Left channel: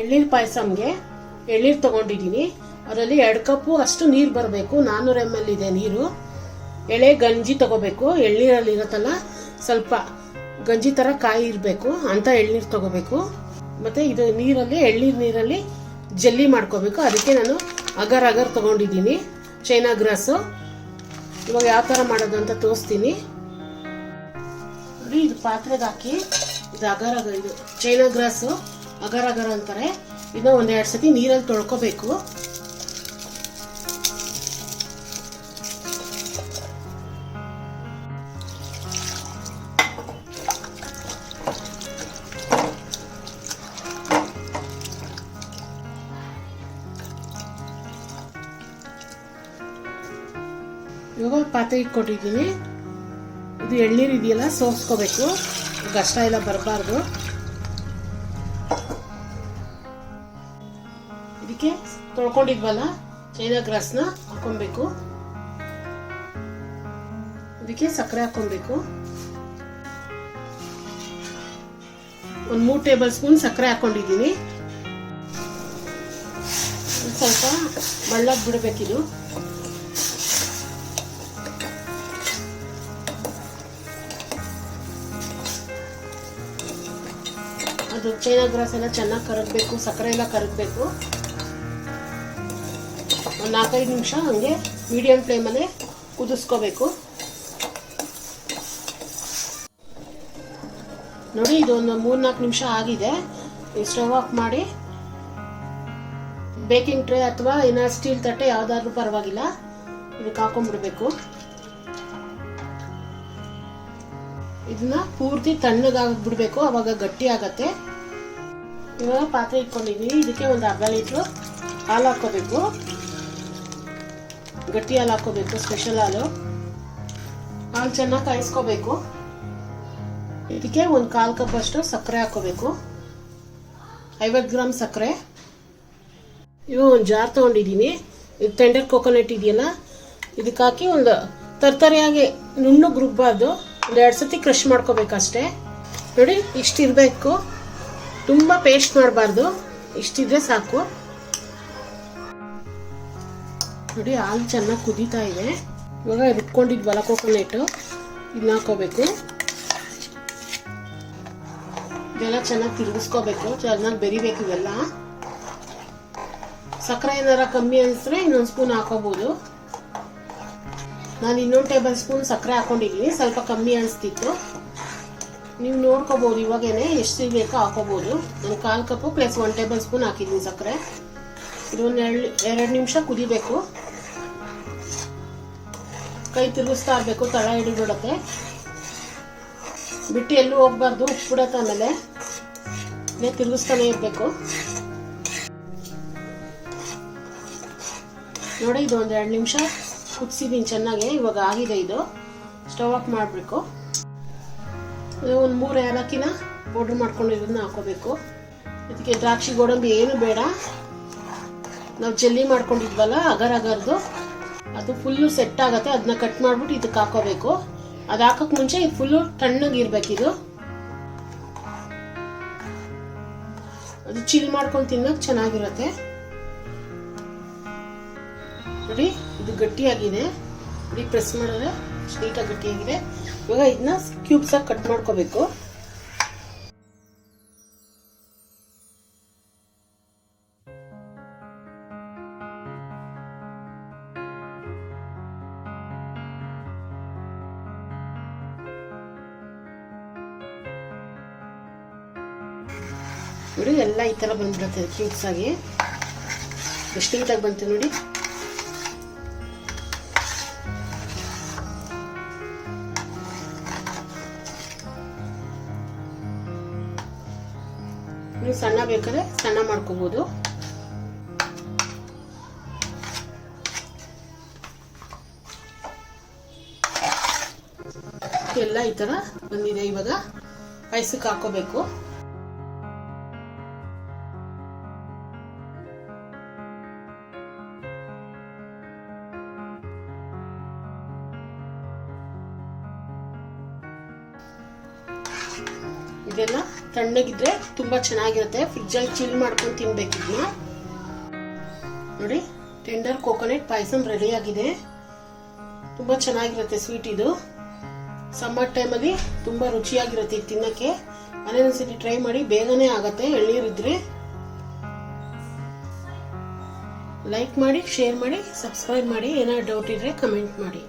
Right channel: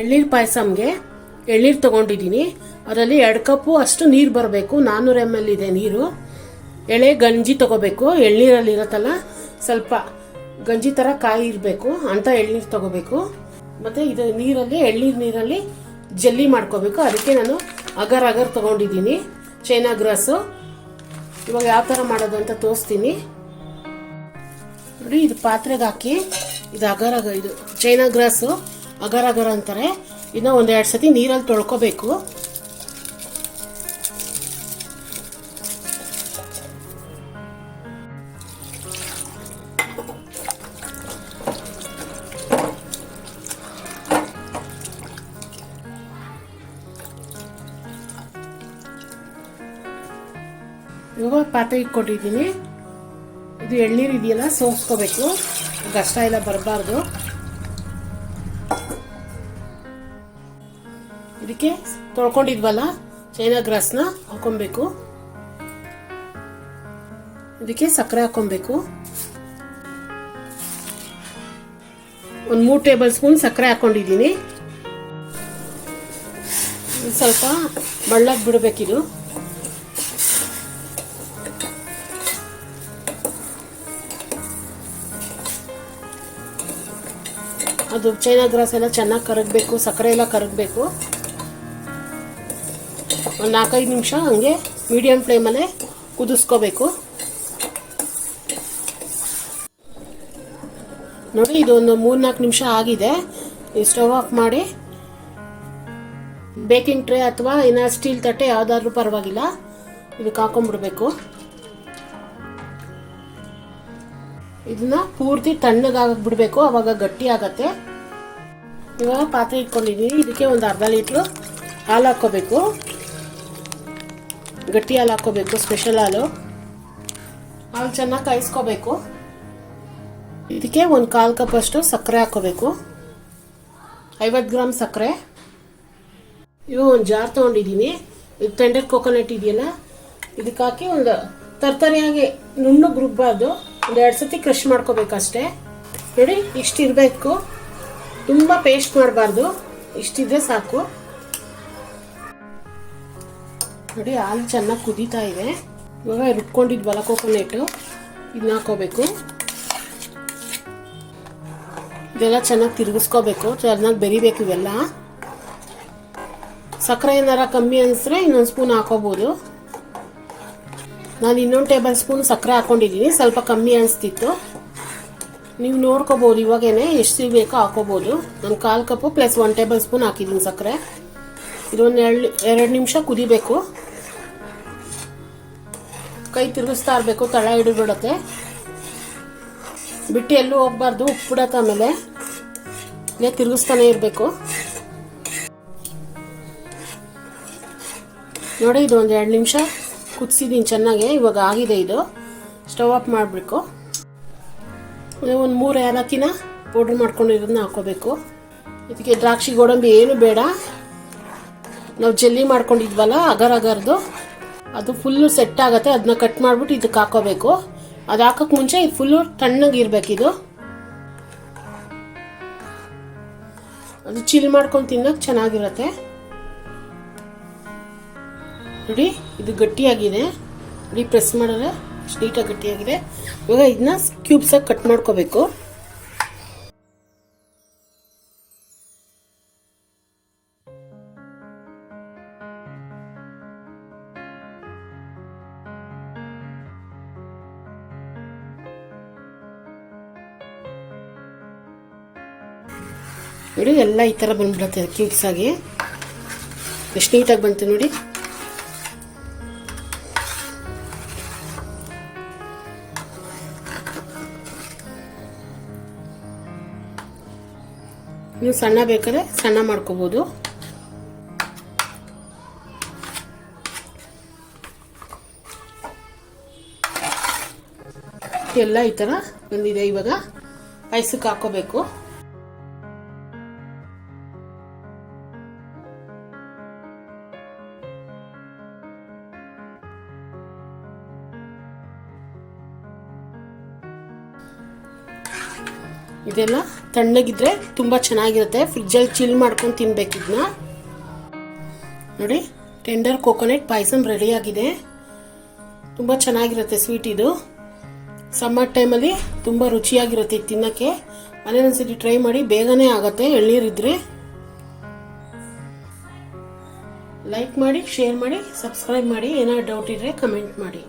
ಎಳ್ನೀರು ಪಾಯಸಮ್ಗೆ ಎಳ್ನೀರು ತೊಗೊಂಡಿದ್ದೀನಿ. ಅದರಲ್ಲಿ 2 ಕಪ್ಪು ಅಷ್ಟು ನೀರು ಬರಬೇಕು. 400 ml ಇದೆ ನೀರು. ಎಳೆ ಗಂಜಿ ತೊಗೋಬೇಕು. ಎಳ್ನೀರಲ್ಲಿ ಇರುತ್ತಲ್ಲ ಸ್ವಲ್ಪ ಗಂಜಿ ಥರ ಕಾಯಿ ಇರಬೇಕು ಅಂತ ಎಳ್ನೀರು ತೊಗೋಬೇಕು. ಮತ್ತು ಇದು ಎಳ್ನೀರು ನೀರಲ್ಲಿ ಜಲ್ಲಿ ಮಾಡ್ಕೋಬೇಕು. ಅದಕ್ಕೆ ನಾನು ಅಗರ್ ತೊಗೊಂಡಿದ್ದೀನಿ, ಚೈನಾ ಗ್ರಾಸು. ಇವಾಗ ಯಾವ ಥರ ಮಾಡೋದು ಅಂತ ತೋರಿಸ್ತೀನಿ ನೋಡಿ. ಇದು ಪಾತ್ರೆಗೆ ಹಾಕಿ ಇದು ಇದು ಚೈನಾ ಗ್ರಾಸು ಅಗರ್ ಅಂತಾರೆ. ಇದನ್ನ 1-2 ಸತಿ ನೀರಲ್ಲಿ ತೊಳ್ಕೊಬೇಕು. ಇವಾಗ ಪಾತ್ರೆ ಇಟ್ಕೊಂಡಿದ್ದೀನಿ. ಇದು ಎಳ್ನೀರು ಇದೆಯಲ್ಲ ಸೋಸ್ಕೋಬೇಕು, ಕಷ್ಟ ಎಲ್ಲ ಬರಬಾರ್ದು. ಇದಕ್ಕೆ ತೊಳ್ಕೊಂಡಿದ್ವಲ್ಲ ಚೈನಾ ಗ್ರಾಸ್ನ ಹಾಕೊಬೇಕು. ಇದಕ್ಕೆ ಸಕ್ಕರೆ ಹಾಕೊಬೇಕು. 3 ಟೇಬಲ್ ಸ್ಪೂನ್ ಸಕ್ಕರೆ ಹಾಕೊಂಡಿದ್ದೀನಿ. ಸ್ವಲ್ಪ ಬಳ್ಳಕ್ಕೆ ಬಿಡಬೇಕಿದು. ಅದು ಚೈನಾ ಗ್ರಾಸ್ ಎಲ್ಲ ಚೆನ್ನಾಗಿ ಕರಗಬೇಕು, ಸಕ್ಕರೆ ಎಲ್ಲ ಕರಗಬೇಕು. ಒಂದು 4-5 ನಿಮಿಷ ಹಂಗೆ ಮೀಡಿಯಂ ಫ್ಲೇಮಲ್ಲೇ ಕುದಿಸ್ಕೋಬೇಕು. ನೋಡಿ, ಇದೊಂದು 3-4 ನಿಮಿಷ ಆಗಿದೆ. ಸ್ಟವ್ ಆಫ್ ಮಾಡಿ ಬೇಕಿಂಗ್ ಟ್ರೇ ಅಥವಾ ಇನ್ನ ಸ್ಟೀಲ್ ತಟ್ಟೆ ಯಾವ್ದಾದ್ರೂ ಪರವಾಗಿಲ್ಲ, ಇದಕ್ಕೆ ಹಾಕೊಂಡ್ಬಿಡ್ಬೇಕು. ಇದನ್ನ ಪೂರ್ತಿ ತಣ್ಣಗಾಗಿ ಬಿಡಬೇಕು, ಅವಾಗ ಗಟ್ಟಿ ಆಗತ್ತೆ. ಇವಾಗ ಪಾತ್ರೆ ಇಟ್ಕೊಂಡಿದ್ದೀನಿ. ಇದಕ್ಕೆ ಒಂದು ಅರ್ಧ ಲೀಟ್ರು ಹಾಲು ಹಾಕೋಬೇಕು. ಗಟ್ಟಿ ಹಾಲು ಹಾಕೋಬೇಕು, ಸ್ಪೆಷಲ್ ಹಾಲು. ಹಾಲು ಚೆನ್ನಾಗಿ ಕಾಯಿಸ್ಕೋಬೇಕು. ಇದಕ್ಕೆ ಒಂದು 1/4 ಕಪ್ ಅಷ್ಟು ಸಕ್ಕರೆ ಹಾಕೋಬೇಕು, 50 ಗ್ರಾಮ್ ಸಕ್ಕರೆ. ಇವು ಒಂದು ಜಾರ್ ತೊಗೊಂಡಿದ್ದೀನಿ. ಇದು ಟೆಂಡರ್ ಕೋಕೋನಟ್ ಇದೆಯಲ್ಲ, ಇದಕ್ಕೆ ಹಾಕಿ ಒಂದು ತರ್ತರಿಯಾಗಿ ನುಣ್ಣಗೆ ರುಬ್ಬಾರ್ದು, 1-2 ಸತಿ ಕ್ರಷ್ ಮಾಡ್ಕೋಬೇಕಷ್ಟೇ. ನೋಡಿ, ಇಷ್ಟಿರಬೇಕು, ತುಂಬ ಪೇಸ್ಟ್ ಮಾಡಬಾರ್ದು, ಇಷ್ಟಿದ್ರೆ ಸಾಕು. ನೋಡಿ, ಹಾಲು ಚೆನ್ನಾಗಿ ಕುದೀತಾ ಇದೆ. ಇವಾಗ ರುಬ್ಕೊಂಡಿದ್ವಲ್ಲ ಕೋಕೋನಟ್ಟು, ಇದನ್ನ ಹಾಕೋಬೇಕು. ಇದೆಲ್ಲ ಚೆನ್ನಾಗಿ ತಿರುಗಿಸ್ಕೋಬೇಕು, ಚೆನ್ನಾಗಿ ಬೆರಿಬೇಕು ಇವೆಲ್ಲ. ಸಕ್ಕರೆ ಏನಾರ ಕಮ್ಮಿ ಅನಿಸಿದ್ರೆ ಇನ್ನೊಂದು ಸ್ಪೂನ್ ಹಾಕೋಬೋದು. ನಾನು 1 ಟೇಬಲ್ ಸ್ಪೂನ್ ಸಕ್ಕರೆ ಹಾಕೊಂಡಿದ್ದೀನಿ, ಸ್ವಲ್ಪ ಕಮ್ಮಿ ಅನಿಸ್ತಿತ್ತು. ನೀವು ನೋಡ್ಕೋಬೋದು, ಇವಾಗೇನೆ ಎಷ್ಟು ಬೇಕೋ ಹಾಕೋಬೋದು. ನಾನು 1/4 ಕಪ್ಪು ಪ್ಲಸ್ 1 ಟೇಬಲ್ ಸ್ಪೂನ್ ಹಾಕಿದ್ದೀನಿ ಸಕ್ಕರೆ. ಇದೊಂದು 2 ನಿಮಿಷ ಕುದಿಬೇಕು. ಕೈ ತಿರುಗಿಸ್ತಾ ಇರಬೇಕು, ತಳ ಹಿಡಿಬಿಡುತ್ತೆ. ಬಿಟ್ಟು ಎಲ್ಲೂ ಹೋಗ್ಬಾರ್ದು, ಉಪ್ಪು ಬಿಡತ್ತೆ. ಆಮೇಲೆ ಇಲ್ಲೇ ತಿರುಗಿಸ್ತಾನೆ ಇರಬೇಕು. ನೋಡಿ, ಇದು ಒಂದು 2 ನಿಮಿಷ ಕುದಿಸಿದ್ದೀನಿ ಚೆನ್ನಾಗಿ. ಇವಾಗ ಆಗಿದೆ. ಇದು ಸ್ಟವ್ ಆಫ್ ಮಾಡಬೇಕು. ಒಂದು 3 ಏಲಕ್ಕಿನ ಪೌಡ್ರ್ ಮಾಡ್ಕೊಂಡಿರೋದನ್ನ ಹಾಕೋಬೇಕು. ಇದಕ್ಕೆ ದ್ರಾಕ್ಷಿ ಗೋಡಂಬಿ ಏನು ಬೇಡ. ನಾವು ಜಲ್ಲಿ ಮಾಡ್ಕೊಂಡಿದ್ವಲ್ಲ ಅಗರ್ದು, ಅದು ಫುಲ್ಲು ಸೆಟ್ ಆಗುತ್ತೆ. ಅದನ್ನ ಕಟ್ ಮಾಡಿಬಿಟ್ಟು ಇದಕ್ಕೆ ಹಾಕೋಬೇಕು. ಅದು ಹಾಕೋಕೆ ಮುಂಚೆ ಇದು ಫುಲ್ಲು ತಣ್ಣಗಿರ್ಬೇಕಿದು. ಅದು ಚಿಲ್ ಮಾಡ್ಕೊಂಡು ತಿನ್ನೋಕೆ ಚೆನ್ನಾಗಿರುತ್ತೆ. ನೋಡಿ, ಇದು ಗಟ್ಟಿಯಾಗಿದೆ. ನೋಡಿ, ಪ್ರೆಸ್ ಮಾಡಿದ್ರೆ ನೀಟಾಗಿ ಗಟ್ಟಿಯಾಗಿದೆ. ಇವಾಗ ಇದನ್ನ ಕ್ಯೂಬ್ಸ್ ಆಗಿ ಕಟ್ ಮಾಡ್ಕೋಬೇಕು. ನೋಡಿ, ಎಲ್ಲ ಈ ತರ ಬಂದ್ಬಿಡುತ್ತೆ ಕ್ಯೂಬ್ಸ್ ಆಗಿ. ಎಷ್ಟು ನೀಟಾಗಿ ಬಂತು ನೋಡಿ. ನೀವು ಸಣ್ಣ ಬೇಕಾದ್ರೆ ಸಣ್ಣ ಮಾಡ್ಕೋಬಹುದು. ಎಲ್ಲ ಈ ತರ ಬಂದಿದೆ. ಇವಾಗ ಐಸಕ್ಕೆ ಹಾಕೋಬೇಕು. ಇದೆಲ್ಲ ತಣ್ಣಗಿದ್ರೆ ತುಂಬ ಚೆನ್ನಾಗಿರುತ್ತೆ. ಫ್ರಿಜ್ಜಲ್ಲಿ ಚಿಲ್ ಮಾಡ್ಕೊಂಡು ತಿನ್ಬೇಕು ಇದನ್ನ. ನೋಡಿ, ಟೆಂಡರ್ ಕೋಕೋನಟ್ ಪಾಯಸಂ ರೆಡಿಯಾಗಿದೆ. ತುಂಬ ಚೆನ್ನಾಗಿರುತ್ತೆ ಸ್ವೀಟ್ ಇದು. ಸಮ್ಮರ್ ಟೈಮಲ್ಲಿ ತುಂಬ ರುಚಿಯಾಗಿರುತ್ತೆ ತಿನ್ನಕ್ಕೆ. ಮನೇಲಿ ಒಂದ್ಸತಿ ಟ್ರೈ ಮಾಡಿ, ಬೇಗನೆ ಆಗತ್ತೆ. ಎಳ್ನೀರಿದ್ರೆ ಲೈಕ್ ಮಾಡಿ, ಶೇರ್ ಮಾಡಿ, ಸಬ್ಸ್ಕ್ರೈಬ್ ಮಾಡಿ. ಏನಾದ್ರು ಡೌಟ್ ಇದ್ರೆ ಕಮೆಂಟ್ ಮಾಡಿ.